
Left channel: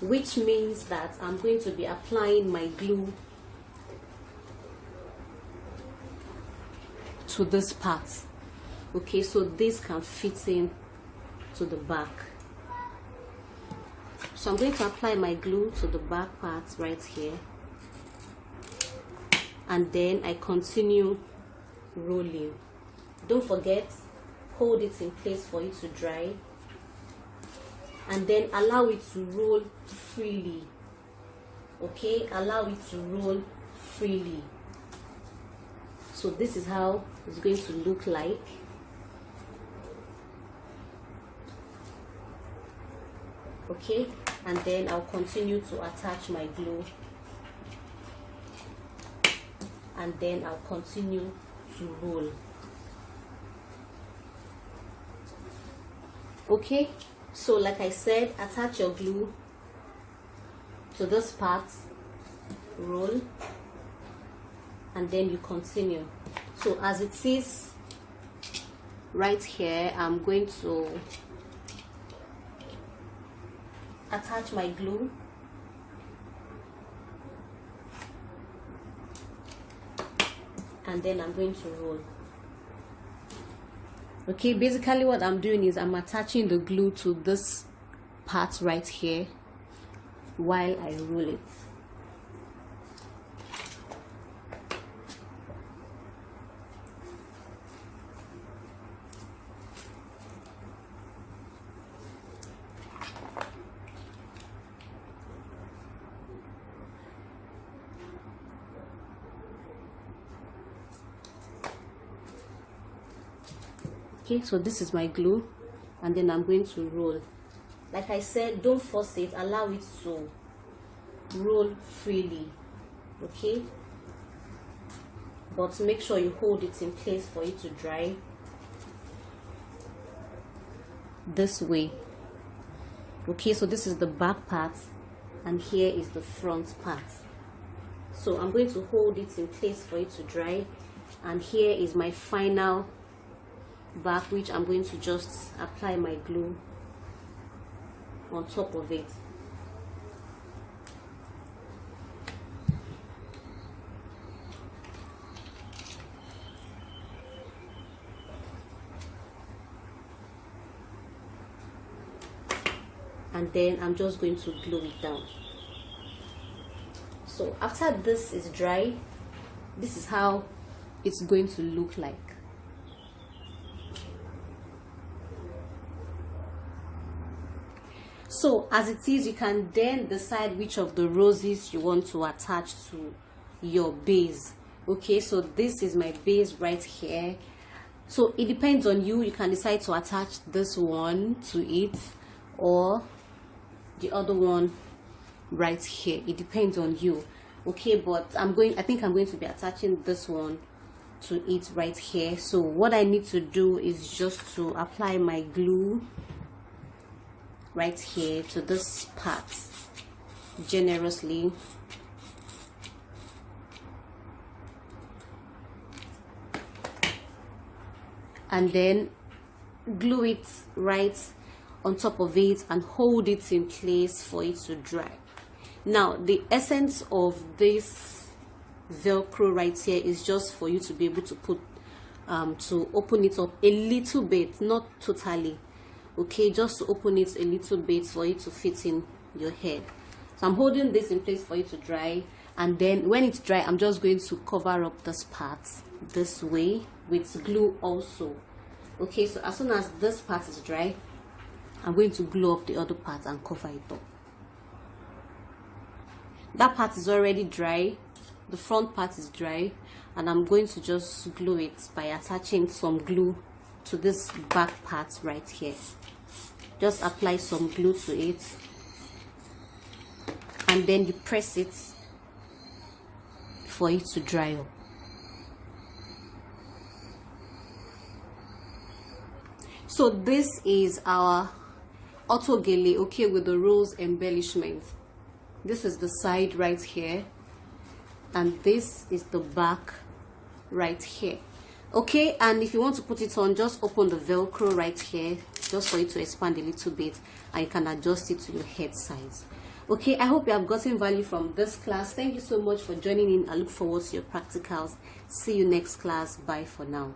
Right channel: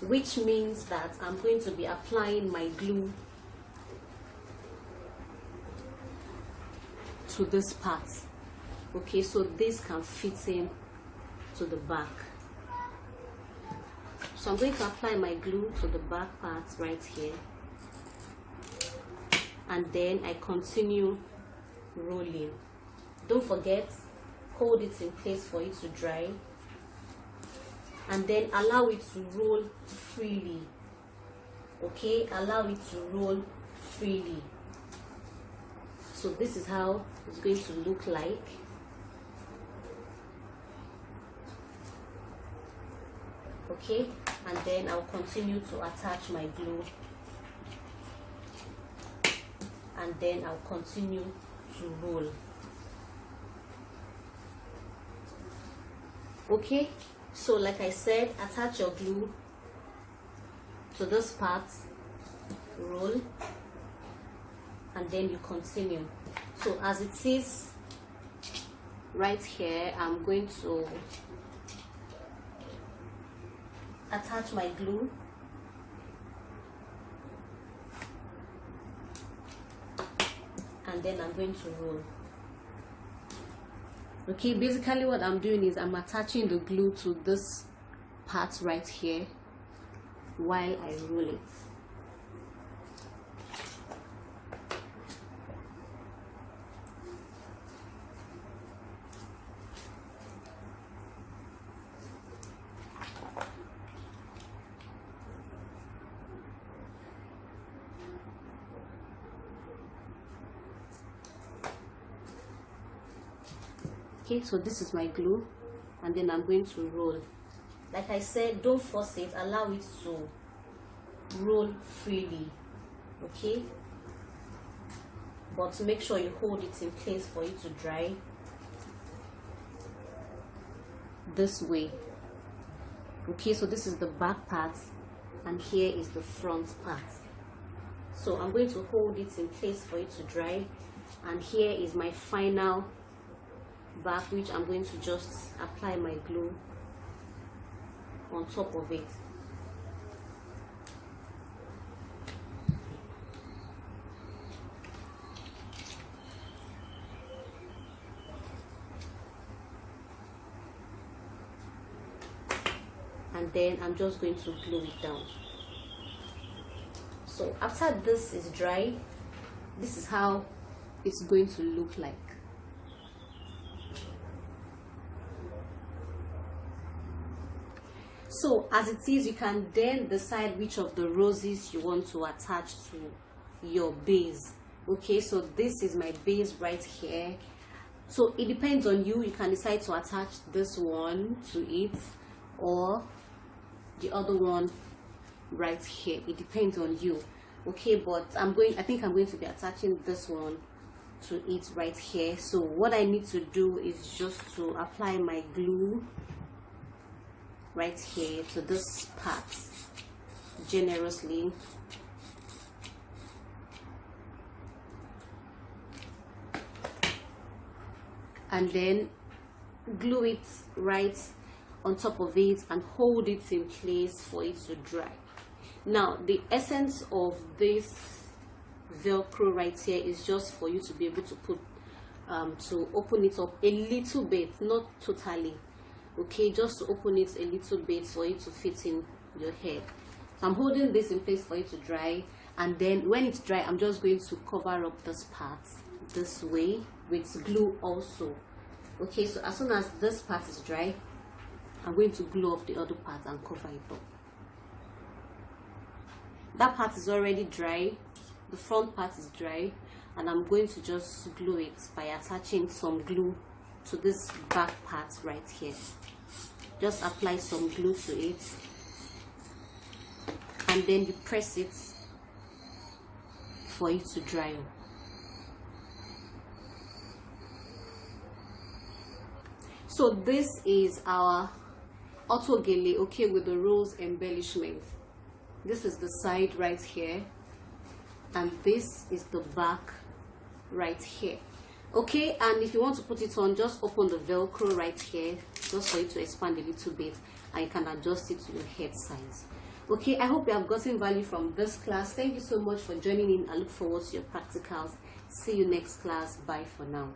which means that I'm going to be applying my glue to this part. Okay, so this can fit in to the back. So I'm going to apply my glue to the back part right here, and then I continue rolling. Don't forget, hold it in place for it to dry, and then allow it to roll freely. Okay, allow it to roll freely. So this is how it's going to look like. Okay, and then I'll continue to attach my glue, and then I'll continue to roll. Okay, so like I said, attach your glue to this part, roll, and then you continue. So as it is right here, I'm going to attach my glue, and then I'm going to roll. Okay, basically what I'm doing is I'm attaching the glue to this part right here while I roll it. Okay, so this is my glue, and then I'm going to roll. Like I said, don't force it, allow it to roll freely. Okay, but make sure you hold it in place for it to dry this way. Okay, so this is the back part, and here is the front part. So I'm going to hold it in place for it to dry, and here is my final back, which I'm going to just apply my glue on top of it. And then I'm just going to glue it down. So after this is dry, this is how it's going to look like. So as it is, you can then decide which of the roses you want to attach to your base. Okay, so this is my base right here. So it depends on you. You can decide to attach this one to it or the other one right here. It depends on you. Okay, but I think I'm going to be attaching this one to it right here. So what I need to do is just to apply my glue right here to this part generously, and then glue it right on top of it and hold it in place for it to dry. Now the essence of this Velcro right here is just for you to be able to put to open it up a little bit, not totally, okay, just to open it a little bit for it to fit in your head. So I'm holding this in place for it to dry, and then when it's dry, I'm just going to cover up this part this way with glue also. Okay, so as soon as this part is dry, I'm going to glue up the other part and cover it up. That part is already dry, the front part is dry, and I'm going to just glue it by attaching some glue to this back part right here. Just apply some glue to it, and then you press it for it to dry up. So this is our Auto Gele, okay, with the rose embellishment. This is the side right here, and this is the back right here. Okay, and if you want to put it on, just open the Velcro right here just for it to expand a little bit, and you can adjust it to your head size. Okay, I hope you have gotten value from this class. Thank you so much for joining in. I look forward to your practicals. See you next class. Bye for now.